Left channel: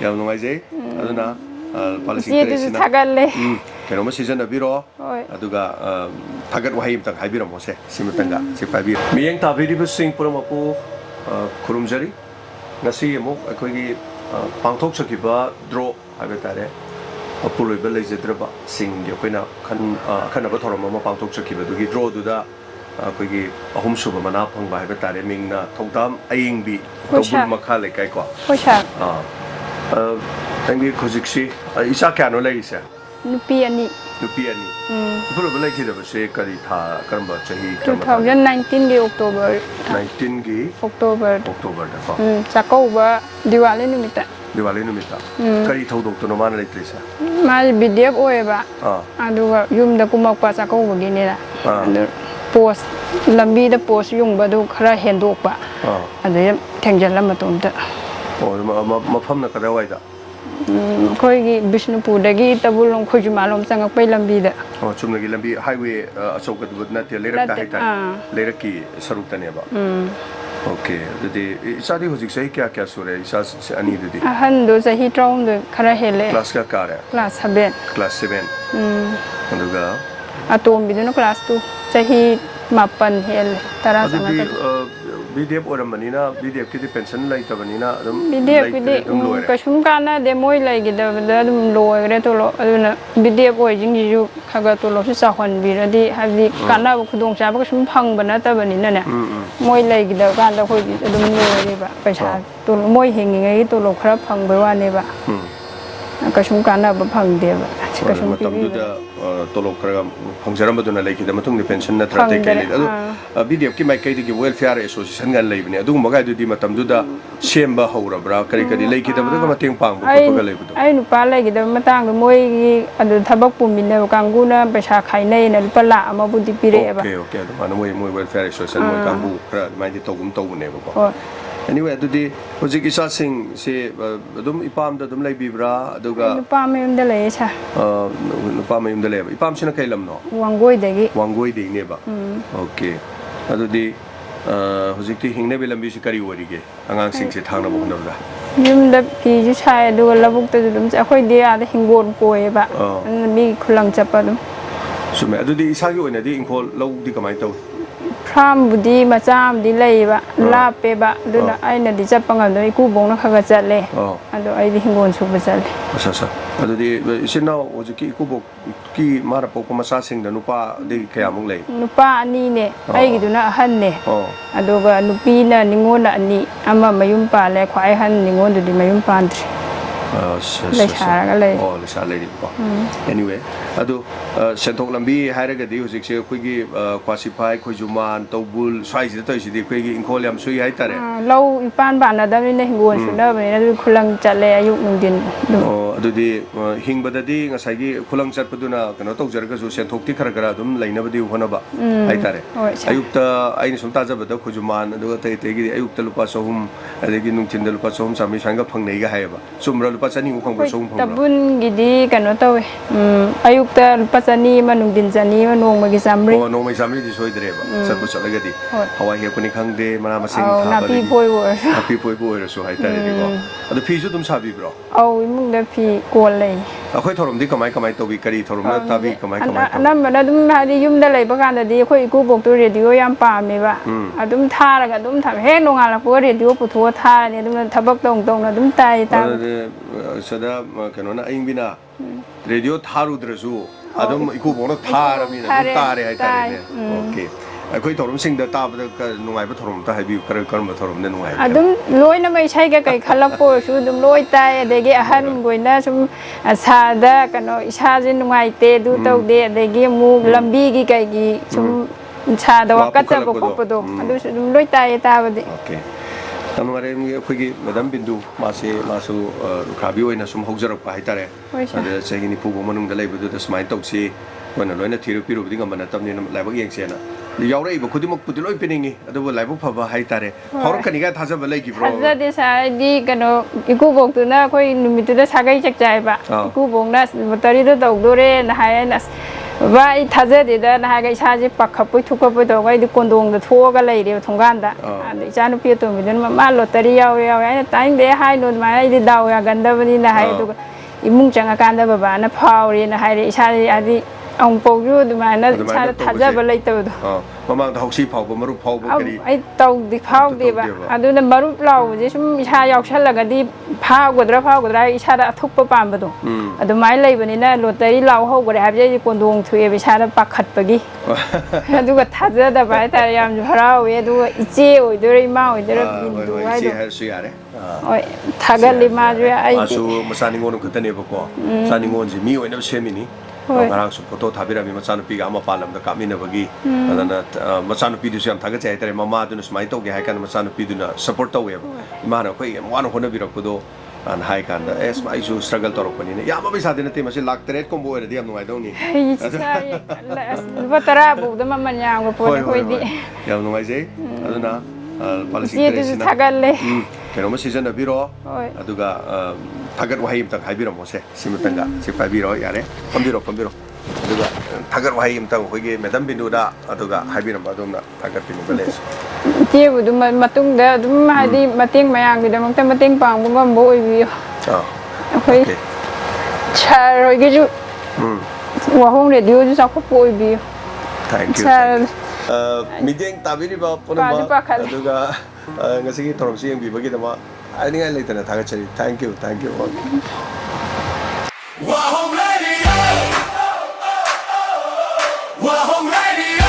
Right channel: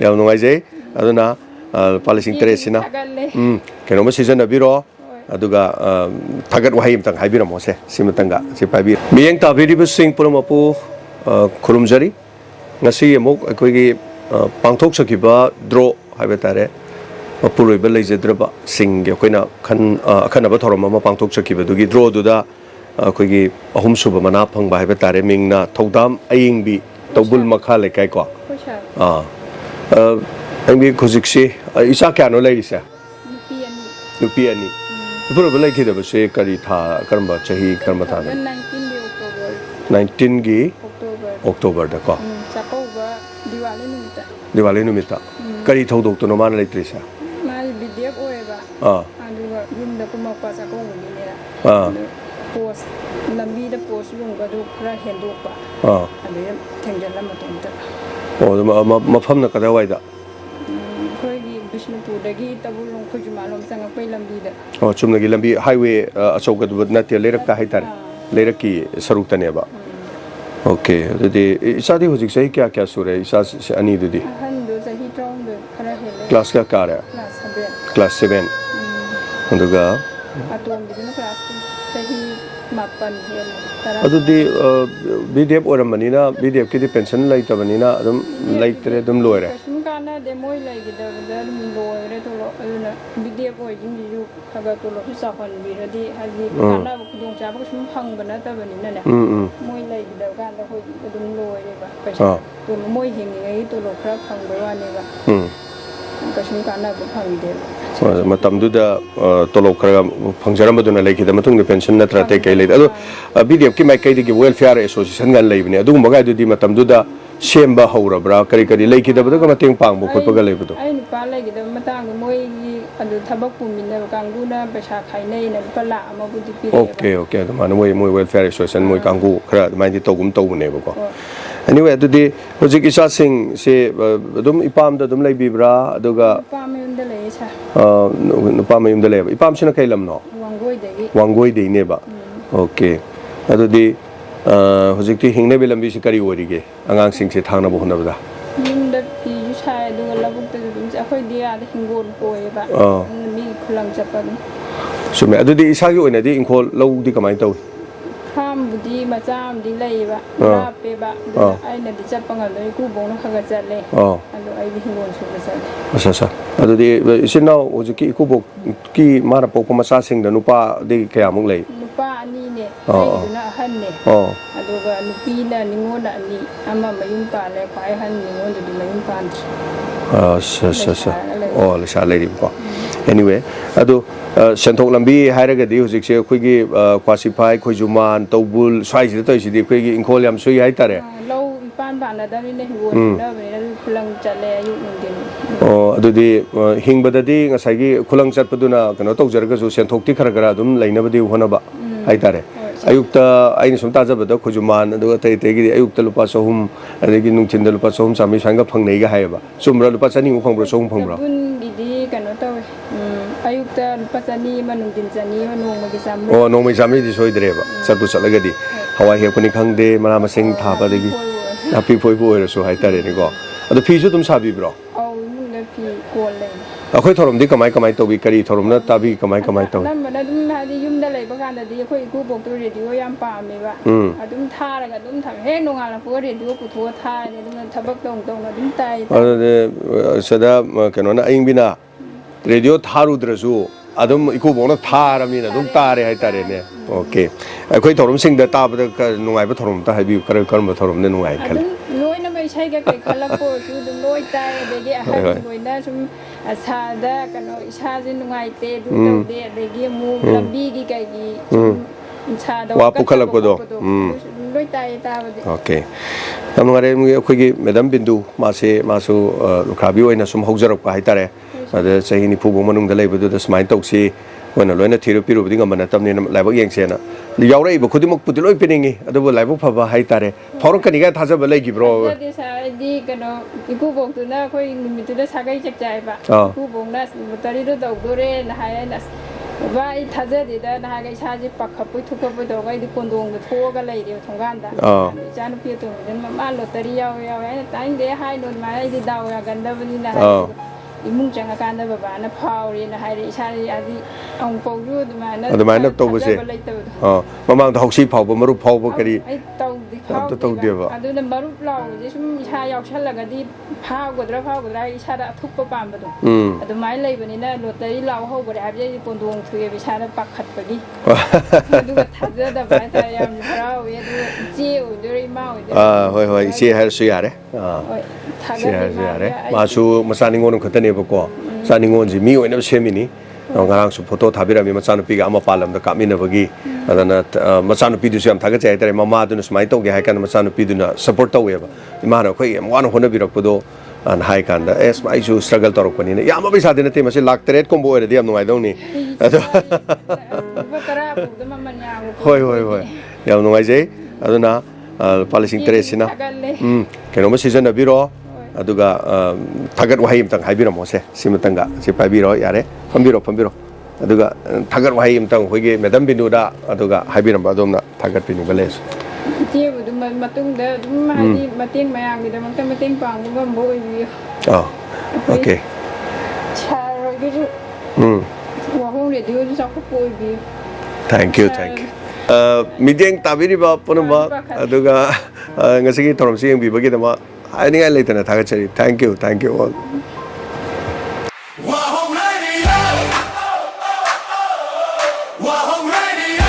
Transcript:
ꯌꯥꯝ ꯅꯨꯡꯉꯥꯏꯖꯩ ꯑꯗꯨꯅ ꯄꯥꯂꯤꯁꯤꯡ ꯇꯔꯦꯠꯁꯤꯅ ꯀꯩꯅꯣꯝꯃ ꯁꯤꯖꯤꯟꯅꯕꯤꯔꯣ ꯑꯗꯨꯒ ꯊꯥꯒꯠ ꯋꯥꯍꯩ ꯑꯃꯇꯪ ꯍꯥꯏꯕꯤꯔꯝꯃꯣꯁꯦ ꯁꯤꯃꯇꯪꯒ ꯁꯤ ꯄꯥꯏꯕꯤꯔꯣ ꯃꯤꯠꯌꯦꯡ ꯇꯥꯕꯤꯔꯤꯕꯁꯤꯡ ꯄꯨꯝꯅꯃꯛꯄꯨ ꯈꯨꯔꯨꯝꯖꯔꯤ ꯉꯁꯤ ꯑꯃꯨꯛ ꯑꯩꯈꯣꯏꯒꯤ ꯄꯥꯡꯊꯣꯛꯆꯈꯤꯕ ꯗ꯭ꯔꯣ ꯍꯥꯏꯕ ꯇꯥꯔꯦ ꯃꯄꯨꯔꯣꯏꯕ ꯂꯩꯖꯗ꯭ꯔꯕ ꯁꯤꯡꯒꯤ ꯑꯩꯈꯣꯏꯅ ꯑꯈꯟꯅꯕ ꯊꯧꯔꯝ ꯑꯃ ꯄꯥꯡꯊꯣꯛꯆꯈꯤꯕꯗꯨꯒꯤ ꯗ꯭ꯔꯣꯗꯨꯗ ꯑꯩꯈꯣꯏꯒꯤ ꯑꯍꯨꯝꯁꯨꯕ ꯃꯅꯥ ꯐꯪꯕ ꯍꯥꯏꯕ ꯇꯥꯔꯦ ꯃꯤꯡꯅ ꯊꯧꯗꯥꯝ ꯑꯌꯤꯡꯕꯤ ꯇꯧꯕꯨꯜ ꯃꯈꯥ ꯂꯩꯀꯥꯏꯀꯣ ꯅꯪꯒꯤ ꯍꯧꯖꯤꯛꯁꯤ ꯏꯆꯥ ꯀꯌꯥꯅꯣ ꯂꯩꯔꯤꯁꯦ ꯅꯨꯄꯤ ꯑꯅꯤ ꯃꯄꯨꯔꯣꯏꯕ ꯂꯩꯈꯤꯗꯕꯁꯦ ꯀꯔꯤ ꯊꯥ ꯀꯔꯝꯕ ꯆꯍꯤ ꯀꯔꯝꯕ ꯊꯥ 2019ꯒꯤ ꯑꯣꯛꯇꯣꯕꯔ 19ꯒꯤ ꯑꯣꯛꯇꯣꯕꯔꯗꯀꯣ ꯆꯥꯛꯀꯧꯕ ꯗꯤꯋꯥꯂꯤ ꯅꯨꯃꯤꯠꯇ ꯀꯔꯤ ꯊꯧꯗꯣꯛꯇꯨꯅꯣ ꯃꯥꯅ ꯂꯩꯇ꯭ꯔꯤꯁꯦ ꯃꯥꯁꯦ BDF ꯑꯣꯏꯌꯦꯕ ꯑꯗꯨꯒ ꯌꯨꯝꯗ ꯀꯨꯝꯃꯛꯄ ꯆꯥꯛꯀꯧꯕꯒꯤꯅꯤꯅ ꯑꯗꯨ ꯄꯣꯁ ꯂꯝꯕꯤꯗ ꯄꯣꯁ ꯌꯨꯡꯕꯗꯨ ꯈꯔ ꯍꯦꯟꯗꯣꯛꯄ ꯑꯗꯩ ꯊꯦꯡꯖꯤꯜꯂ ꯃꯇꯣꯝꯇ ꯃꯐꯝꯅ ꯀꯗꯥꯏꯋꯥꯏꯗ ꯑꯩꯈꯣꯏꯒꯤ ꯕꯤꯁꯅꯨꯄꯨꯔꯗꯒꯤ ꯇꯕꯨꯜꯂꯣꯝ ꯈꯣꯏꯖꯨꯃꯥꯟꯂꯣꯝ ꯆꯪꯉꯛꯄꯩ ꯂꯝꯕꯤꯗ ꯆꯨꯝꯅꯒꯤ ꯂꯝꯕꯤ ꯍꯥꯏꯋꯦ ꯑꯆꯧꯕꯗꯨ ꯅꯠꯇꯦ ꯂꯩꯔꯛꯇ ꯍꯥꯏꯇꯥꯔꯦ ꯂꯩꯔꯛꯀꯤ ꯁꯔꯨꯛꯇꯅꯦꯕ ꯑꯣꯀꯦ ꯑꯗꯨꯗꯤ ꯏꯆꯥꯗꯤ ꯍꯧꯖꯤꯛ ꯆꯍꯤ ꯀꯌꯥ ꯁꯨꯔꯦ ꯏꯆꯥ ꯑꯅꯤꯗꯨꯗꯤ ꯑꯍꯟꯗꯨ ꯆꯍꯤ 13 ꯈꯔ ꯍꯦꯜꯂꯦ ꯀ꯭ꯂꯥꯁ ꯀꯌꯥ ꯀꯥꯔꯦ ꯀ꯭ꯂꯥꯁ 7 ꯑꯗꯨꯒ ꯑꯇꯣꯝꯕꯤꯗꯨꯅ ꯀ꯭ꯂꯥꯁ 2 ꯆꯍꯤ 7 ꯍꯦꯜꯂꯦ 10 ꯑꯗꯨꯗꯤ BDF ꯑꯣꯏꯔꯝꯕꯅꯤꯅ BDFꯀꯤꯗꯤ ꯄꯦꯟꯁꯟ ꯂꯩꯇꯕꯅꯤꯅ ꯑꯗꯨꯝ ꯂꯩꯇ꯭ꯔꯦ ꯑꯗꯨꯝ ꯂꯣꯏꯔꯦ ꯀꯩꯁꯨꯝ ꯀꯥꯟꯅꯗꯦ ꯃꯣꯏ ꯂꯩꯒꯤꯗꯕꯗ ꯑꯗꯨꯝ ꯂꯣꯏꯒ꯭ꯔꯦ ꯇꯣꯂꯣꯞ ꯑꯗꯨꯅ BDF ꯑꯣꯏꯁꯤꯡꯁꯤꯁꯨ ꯈꯒ ꯇꯣꯂꯣꯞꯁꯤ ꯆꯥꯎꯍꯟꯕꯤꯔꯗꯤ ꯍꯥꯏꯕꯗꯤ ꯀꯥꯟꯅꯕ ꯈꯨꯗꯣꯡꯆꯥꯕ ꯀꯩꯁꯨꯝ ꯐꯪꯕ ꯅꯠꯇꯕꯅꯤꯅꯅꯦ ꯃꯣꯏ ꯂꯩꯒꯤꯗꯕ ꯀꯥꯟꯗ ꯑꯩꯈꯣꯏꯗꯤ ꯑꯗꯨꯝ ꯂꯣꯏꯔꯦꯕ ꯄꯩꯁꯥ ꯃꯣꯏ ꯍꯤꯡꯉꯤꯉꯩꯒꯤ ꯇꯣꯂꯣꯞ ꯈꯔ ꯐꯪꯕꯩ ꯋꯥꯅꯦꯕ ꯀꯩꯁꯨꯝ ꯀꯥꯟꯅꯕ ꯐꯪꯗꯦꯕ ꯃꯇꯝꯗꯨꯗ ꯇꯣꯂꯣꯞ ꯈꯔ ꯐꯪꯖꯔꯝꯕꯗꯨꯅ ꯂꯩꯈꯤꯗ ꯃꯇꯨꯡꯗ ꯄꯦꯟꯁꯟ ꯅꯠꯇ꯭ꯔ ꯑꯇꯩ ꯀꯩ ꯂꯩꯗꯦ ꯑꯗꯣ BDFꯀꯤ ꯃꯥꯏꯀꯩꯗꯒꯤ ꯋꯦꯜꯐꯤꯌꯥꯔ ꯑꯦꯁꯣꯁꯤꯌꯦꯁꯟꯒ ꯂꯩꯕꯅꯦ ꯑꯗꯨꯒꯨꯝꯕꯒꯥꯏꯗꯨꯗꯤ ꯃꯇꯝꯗꯨꯗ ꯁꯦꯝꯕ ꯍꯧꯔꯕ꯭ꯔꯥ ꯀꯔꯤ ꯂꯩꯈꯤꯗꯕꯗꯒ ꯃꯇꯦꯡ ꯄꯥꯡꯕ ꯈꯣꯠꯄꯒ ꯂꯩꯕꯗꯣ ꯑꯩ ꯅꯨꯄꯥ ꯂꯩꯈꯤꯗꯕ ꯃꯇꯥꯡꯗ ꯃꯣꯏꯒꯤ ꯑꯗꯨ ꯊꯕꯛ ꯄꯨꯃꯤꯟꯅꯕ ꯀꯥꯡꯕꯨꯅ ꯄꯩꯁꯥ ꯈꯥꯏꯅꯩꯅ ꯂꯨꯄꯥ ꯂꯥꯛ ꯄꯤꯔꯛꯑꯦꯕ ꯑꯣꯀꯦ ꯑꯗꯨꯃꯥꯏꯅ ꯃꯣꯏ ꯋꯦꯜꯐꯤꯌꯥꯔ ꯑꯦꯁꯣꯁꯤꯌꯦꯁꯟ ꯃꯣꯏ ꯀꯥꯡꯕꯨ ꯈꯔ ꯑꯗꯨꯃꯥꯏꯅ ꯇꯧꯕꯅꯦꯕꯀꯣ anyway ꯑꯗꯨꯗꯤ ꯍꯧꯖꯤꯛ ꯏꯆꯥꯁꯤꯡꯁꯦ ꯑꯗꯨꯝ ꯏꯄꯥꯝꯗ ꯑꯗꯨꯝ ꯂꯩꯕꯤꯕ꯭ꯔꯥ ꯑꯗꯨꯒ ꯅꯨꯄꯥ ꯃꯌꯨꯝꯗ ꯂꯩꯌꯦ ꯁꯥ ꯅꯨꯄꯥ ꯃꯌꯨꯝꯗ ꯂꯩꯌꯦꯕ ꯏꯄꯥꯝꯁꯤꯅ ꯀꯩ ꯂꯝꯅꯣ ꯋꯥꯡꯒꯣꯏꯗꯩꯅꯦꯕ ꯑꯣꯀꯦ ꯑꯗꯨꯗꯤ ꯍꯧꯖꯤꯛꯇꯤ ꯍꯤꯡꯅꯕꯤ ꯂꯝꯕꯤꯁꯤ ꯀꯔꯤ ꯑꯣꯏꯔꯤꯒꯦ ꯑꯉꯥꯡꯁꯤꯡꯁꯦ ꯊꯥꯡꯅꯕ ꯍꯣꯠꯅꯕꯗ ꯌꯨꯝꯗ ꯐꯤꯁꯨ ꯁꯥꯏ ꯑꯗꯨꯒ ꯂꯧꯕꯨꯛꯇꯁꯨ ꯑꯗꯨꯝ ꯑꯩꯈꯣꯏꯗꯤ ꯑꯥꯗ ꯍꯤꯡꯒꯣꯜ ꯀꯣꯏꯌꯦꯕ ꯑꯗꯨꯅ ꯃꯤꯒꯤ ꯈꯨꯂꯪ ꯆꯠꯄ ꯑꯗꯨꯝ ꯆꯨꯝꯃꯦ ꯑꯗꯨꯗꯤ ꯏꯁꯥꯒꯤ ꯑꯣꯏꯅꯗꯤ ꯏꯪꯈꯣꯜ ꯂꯧꯗꯤ ꯀꯃꯥꯏꯅ ꯇꯧꯏ ꯐꯥꯔꯝꯕꯨꯗꯤ ꯃꯆꯥ ꯑꯃꯗꯤ ꯂꯩꯌꯦꯕ ꯂꯥꯞꯄꯦꯕ ꯑꯗꯨꯅ ꯑꯩꯅꯗꯤ ꯆꯠꯄ ꯉꯝꯗꯣꯏ ꯏꯀꯨꯕꯣꯛꯅ ꯈꯒ ꯆꯠꯂꯦ ꯑꯗꯣ ꯑꯩꯗꯤ ꯍꯤꯡꯒꯣꯜ ꯁꯨꯕ ꯆꯠꯂꯦ ꯑꯗꯨꯗꯤ ꯏꯆꯤꯟ ꯏꯅꯥꯎ ꯍꯧꯖꯤꯛꯀꯤ ꯏꯀꯨꯕꯣꯛꯀꯤ ꯃꯥꯅ ꯄꯣꯛꯄ ꯃꯆꯥꯁꯤꯡꯗ ꯅꯨꯄꯥꯗꯤ ꯀꯌꯥꯃꯨꯛ ꯂꯩ ꯅꯨꯄꯥ 2ꯅꯦ ꯑꯩꯒꯤꯗꯨꯅ ꯑꯍꯟꯅꯦ ꯑꯗꯨꯒ ꯅꯨꯄꯤꯅ ꯅꯤꯉꯣꯟꯅ 2 ꯑꯃ ꯃꯌꯨꯝ ꯄꯥꯜꯂꯦ ꯈ꯭ꯋꯥꯏ ꯑꯍꯟ ꯅꯤꯉꯣꯟꯗꯨꯗꯤ ꯃꯌꯨꯝ ꯄꯥꯟꯗ꯭ꯔꯤ ꯂꯩꯁꯥꯔꯒ ꯂꯩ ꯂꯩꯁꯥ ꯂꯩꯔꯤꯕꯀꯣ anyway ꯑꯗꯨ ꯁꯦꯟꯊꯣꯛ ꯂꯝꯕꯤ ꯍꯥꯏꯔꯒꯗꯤ ꯍꯧꯖꯤꯛꯁꯦ ꯑꯩꯈꯣꯏꯒꯤ ꯀ꯭ꯋꯥꯁꯤꯐꯥꯏ ꯈꯣꯏꯖꯨꯃꯥꯟ ꯇꯧꯕꯨꯜ ꯁ꯭ꯋꯥꯏꯁꯤꯗ ꯇꯧꯔꯤꯁꯤꯗꯤ ꯑꯩꯈꯣꯏꯒꯤ ꯏꯪꯈꯣꯜ ꯌꯥꯝ ꯁꯨꯏ ꯍꯥꯏꯇꯥꯔꯦ ꯂꯧ ꯏꯄꯥꯟ ꯄꯥꯟꯅꯗꯕꯅꯤꯅ ꯍꯤꯡꯒꯣꯜ ꯁꯨꯅꯕꯅꯤꯅ ꯑꯗꯨ ꯈꯨꯂꯪ ꯆꯠꯂꯦ ꯑꯌꯨꯛ ꯅꯨꯡꯊꯤꯟ ꯑꯗꯨꯗꯤ ꯍꯤꯡꯕꯗꯗꯤ ꯉꯁꯥꯏꯒꯤ ꯈꯨꯂꯪ ꯆꯠꯄꯗꯨꯅ ꯀꯩꯅꯣ ꯇꯧꯖꯔꯒꯁꯨ ꯁꯦꯟꯊꯣꯛꯇꯤ ꯈꯔ ꯑꯗꯨꯝ ꯂꯩꯅꯕꯗꯤ ꯍꯣꯠꯅꯕ ꯍꯥꯏꯇꯥꯔꯦ ꯑꯌꯨꯛꯇ ꯑꯩꯅ ꯁꯨꯝ ꯇꯥꯖꯕꯗ ꯈꯣꯏꯖꯨꯃꯥꯟ ꯑꯗꯨꯒ ꯑꯇꯩꯒꯤꯗꯤ ꯑꯌꯨꯛꯇ ꯂꯨꯄꯥ 300 ꯑꯗꯒꯤ ꯅꯨꯡꯊꯤꯟꯗ ꯂꯨꯄꯥ 300 400 ꯁꯨꯃꯥꯏꯅ ꯐꯪꯅꯩꯒ ꯍꯥꯏꯌꯦꯕ ꯆꯨꯝꯕ꯭ꯔꯥ ꯂꯨꯄꯥ 200 ꯐꯪꯕ꯭ꯔꯥ 300 ꯐꯪꯕ꯭ꯔꯥ ꯇꯕꯨꯟꯒꯤꯗꯤ ꯀꯩꯅꯣ ꯇꯧꯋꯦ ꯑꯌꯨꯛꯇ ꯂꯨꯄा 200 ꯑꯃ ꯅꯨꯡꯊꯤꯟ 200 ꯑꯃ ꯅꯣꯡꯃꯒꯤ 100 ꯅꯣꯡꯃꯒꯤ 100ꯗꯤ ꯁꯣꯏꯗ꯭ꯔꯦꯕ ꯆꯠꯄꯨ ꯆꯠꯂꯒꯗꯤ ꯍꯋꯥꯏ ꯍꯦꯛꯄꯅꯤ ꯈꯪꯗꯦ ꯃꯅꯥ ꯃꯁꯤꯡ ꯊꯥꯕ ꯅꯥꯄꯤ ꯐꯣꯏꯕ ꯑꯣꯏꯔꯁꯨ ꯍꯥꯏꯇꯥꯔꯦꯅꯦꯀꯣ ꯑꯗꯣ ꯐꯤꯁꯨ ꯑꯗꯨꯝ ꯁꯥꯕꯤꯕ꯭ꯔꯣ ꯏꯃꯨꯡꯗ ꯐꯤ ꯀꯣꯜ ꯂꯩ ꯑꯩꯈꯣꯏ ꯊꯧꯔꯝꯗꯤ ꯀꯃꯥꯏ ꯇꯧꯕꯤ ꯀꯔꯤ ꯊꯧꯔꯝꯅ ꯇꯥꯕꯤ ꯀꯃꯥꯏ ꯇꯧꯕꯤ ꯑꯅꯝꯕꯅ ꯑꯗꯨꯝ ꯍꯥꯏꯗꯤ ꯌꯨꯝꯗ ꯂꯩꯕ ꯀꯥꯟꯗꯗꯤ ꯑꯩꯈꯣই ꯏꯀꯨꯕꯣꯛꯇꯣ ꯔꯦꯗꯤꯑꯣ ꯌꯥꯝ ꯄꯥꯝꯃꯦꯕ ꯑꯗꯨꯝ ꯊꯥꯔꯒ ꯑꯗꯨꯝ ꯍꯦꯛ ꯅꯣꯡꯉꯥꯜꯂꯛꯄꯒ ꯔꯦꯗꯤꯑꯣ ꯄꯨꯊꯣꯛꯑ ꯊꯥꯔꯅꯤ ꯑꯗꯨꯝ ꯊꯕꯛ ꯇꯧꯅ ꯑꯗꯨꯝ ꯇꯥꯏ ꯁꯤꯗ ꯀꯩꯅꯣꯅ ꯑꯌꯤꯡꯕꯤꯅ ꯔꯦꯗꯤꯑꯣ ꯊꯥꯔꯨꯗ꯭ꯔꯁꯨ ꯑꯗꯨꯝ ꯏꯀꯨꯕꯣꯛꯅ ꯊꯥꯔꯕꯅꯤꯅ ꯑꯗꯨꯝ ꯇꯥꯔꯦ ꯍꯥꯏꯇꯥꯔꯦꯅꯦ ꯑꯣꯀꯦ ꯑꯩꯈꯣꯏ ꯊꯧꯔꯝꯁꯤꯡꯗ ꯇꯥꯕꯗ ꯅꯨꯡꯉꯥꯏꯕ ꯊꯧꯔꯝ ꯑꯝꯇ ꯍꯥꯏꯕꯤꯌꯨ ꯀꯔꯝꯕ ꯊꯧꯔꯝꯅ ꯅꯨꯡꯉꯥꯏ ꯑꯗꯨꯝ ꯂꯣꯏꯅꯃꯛ ꯏꯁꯩꯒ ꯀꯩ ꯈꯜꯂꯛꯄ ꯑꯣꯏꯔꯁꯨ ꯑꯗꯨꯝ ꯂꯣꯏ ꯇꯥꯏ ꯑꯗꯒꯤ ꯑꯍꯟꯈꯣꯏꯅ ꯁꯨꯝ ꯑꯁꯥꯗ ꯀꯩꯅꯣ ꯏꯁꯥꯁꯦ ꯅꯨꯡꯉꯥꯏꯇꯦ ꯑꯗꯨ ꯇꯧꯗꯦ ꯑꯗꯒꯤ ꯑꯃꯨꯛ ꯂꯝꯕꯤꯒꯤ ꯀꯩꯒꯤ ꯁꯨꯝ ꯏꯁꯥꯗ ꯋꯥꯀꯠꯆꯕ ꯈꯣꯠꯄꯗꯣ ꯑꯗꯨꯁꯨ ꯑꯗꯨꯝ ꯂꯣꯏ ꯇꯥꯏꯌꯦ ꯇꯥꯕꯗꯤ ꯌꯥꯝ ꯅꯨꯡꯉꯥꯏꯔꯦ ꯑꯩꯈꯣꯏꯒꯤ ꯃꯦꯗꯥꯝ ꯕꯤꯟꯗꯨ ꯃꯥꯁꯨ ꯂꯨꯈ꯭ꯔꯥꯕꯤ ꯑꯣꯏꯅ ꯁꯨꯝ ꯍꯧꯖꯔꯛꯄ ꯍꯥꯏꯇꯥꯔꯦ ꯑꯗ ꯆꯍꯤ 90 ꯐꯥꯎ ꯃꯅꯨꯡꯗ ꯂꯩꯕꯗꯨꯗ ꯁꯨꯃꯥꯏꯅ ꯇꯧꯁꯤ ꯑꯩꯈꯣꯏꯅ ꯂꯣꯏꯅ ꯄꯤꯔꯨꯕꯗꯤ ꯉꯝꯕ ꯅꯠꯇꯕꯅꯤꯅ ꯂꯥꯏꯕꯛ ꯌꯦꯡꯁꯦꯅ ꯌꯥꯎꯔꯛꯏꯕ ꯈꯨꯗꯤꯡꯃꯛꯄꯨꯗꯤ ꯂꯣꯏ ꯄꯤꯅꯤꯡꯉꯤ ꯑꯗꯨꯕꯨ ꯂꯥꯏꯕꯛ ꯐꯕ ꯍꯥꯏꯇꯥꯔꯦ ꯐꯥꯎꯔꯛꯀꯅꯤꯒ ꯊꯥꯖꯕ ꯂꯩꯈꯤꯕ꯭ꯔꯣ ꯊꯥꯖꯗꯦ ꯁꯥꯔ ꯑꯩꯗꯤ ꯀꯩꯅꯣ ꯏꯀꯨꯕꯣꯛꯇꯨꯅ ꯑꯩꯈꯣꯏ ꯅꯨꯃꯤꯠꯇꯨꯗ ꯁꯥꯒꯩ ꯆꯥꯛꯆꯥꯏꯕ ꯏꯀꯨꯕꯣꯛꯅ ꯂꯣꯇꯔꯤꯗꯣ ꯇꯧꯗꯣꯔꯦꯅ ꯍꯥꯏꯌꯦꯅ ว่าถ้าเจอเดี๋ยวนะฮะก็ชาจิปักขับไปทุกข์ไปตัวก็ไอ้คนดวงจะทั่วก็เลยเดียวทงกันแต่ดิฉันพี่ตัวมีเดินมาลอตเตอรี่เอาไอ้ตั้งเดี๋ยวให้โดนมาไอ้ดาวกันเดิมนี่นะฮะอีมุ่งจังอาการเดิมแบบนั้นพาวรีนะฮะดิฉันอันนี้องค์ปู่ยูดูมานะชาทันจะไปเลยตัวมาบางทอกซีเผามารุเผาปกติไอ้ตัวดิเผาดีบ้าอันนั้นมารุเราจะชุ่มชายอกฉันละก็ดีเผากดได้ชาทุกประปามประตูอันนั้นไม่เลยวันนี้นะลอตเตอรี่เราเขาก็ได้ครับจะคนดวงถุยไปชาปักขัดไปกี่ดูก็ทันจะแต่ไปแต่ยามพระเวดูเจียวดูริมาดูเฮ้ยเชี่ยให้สุยาเด้ถ้ากันริมาด้วยไอ้มาสู่มาสานิงอนคนเดียวพวกก็สานิงอนจีมีไว้ในเชมินี่งานสุดโฟโต้ถ่ายไปแล้วมีมาสานปีกับอามาพาลมตะกามินเบกี้อันนั้นมาสานปีดูสิamทักใจแต่มามาดูนสมัยโตกี่ให้กันมาสานปีดูน่ะ support ตัวเองมาเราคุยมาวันคนนั้นปีเราพูดอันให้กันแต่สมัยชู struggle ตัวเราคนนี้เนี่ยยามไม่สาธิตเนี่ยมันลักเตร็ดคอมโบเอเดียมหน่วยตรงนี้ว่าตราบุกแต่มันยาวกว่าพูดคุยดียามหน่วยใช่อันนั้นpolicy interest นะเห็นว่าซีซันบิโรดูก็ทักว่าให้ตั้งให้บิโรมั้งเซ่สิมันตั้งก็สิไปบิโรยาร์พัมบิโรดูก็ทักว่าให้ตั้งคุยกันไม่ต้องบินดูด้าดูก็ให้บิโรบ้าดมนะทักปีนี้ก็เลยที่ดูมาตุ้งเดี๋ยวดูมาดีมาเตียงมาอย่างเดียวมันแต่มาเตียงปังมันก็บ่อยวิวโอเคชาโรยกิจูว่าห้องเรียนอยู่ที่สักก็บ่อยวิว thank you meeting tabiri ba puno ba aduga ngasi ki thorom sing bi bagi tama ani ngai leitana thaga chari thank you Wa home radio